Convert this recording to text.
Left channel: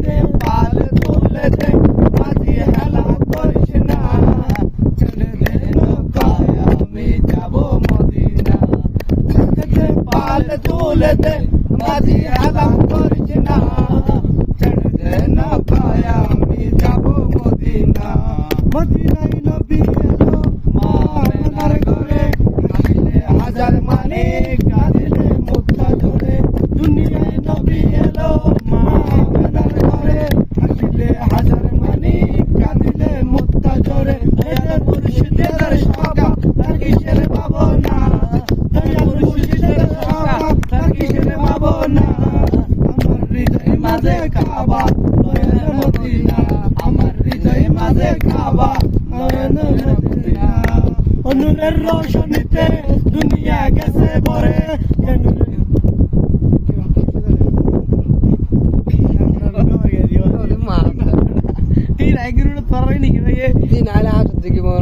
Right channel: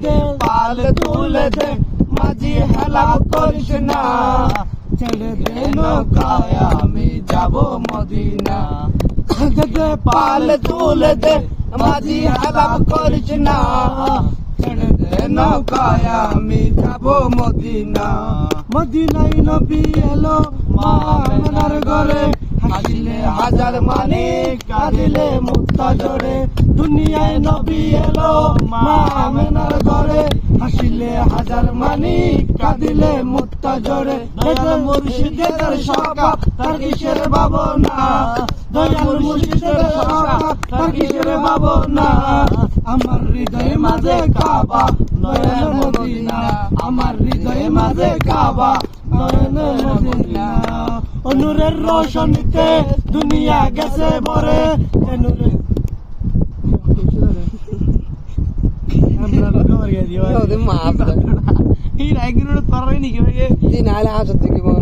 রোশনীতে পাল তুলেছে মাঝি হেলা করিস না ছেড়ে দে নৌকায় আমি যাব মদিনা পাল তুলেছে মাঝি হেলা করিস না ছেড়ে দে নৌকায় আমি যাব মদিনা মদিনায় নবী এলো মা আমেনার ঘরে হাসিলে হাজার মানিক কাঁদিলে মুক্তা জোরে দুনিয়ায় নবী এলো মা আমেনার ঘরে হাসিলে হাজার মানিক কাঁদিলে মুক্তা জোরে দয়াল মুর্শিদের সকা তার কিসের ভাবনা দয়াল মুর্শিদের সকা তার কিসের ভাবনা আমার হৃদয় মাঝে কাবা দয়াল মদিনা আমার হৃদয় মাঝে কাবা দয়াল মদিনা অনুরের রোশনীতে দুনিয়া গেছে ভরে মাপ এই রাইগুলো তোরাই নাকি ভাই দিন আলে হাসতে কি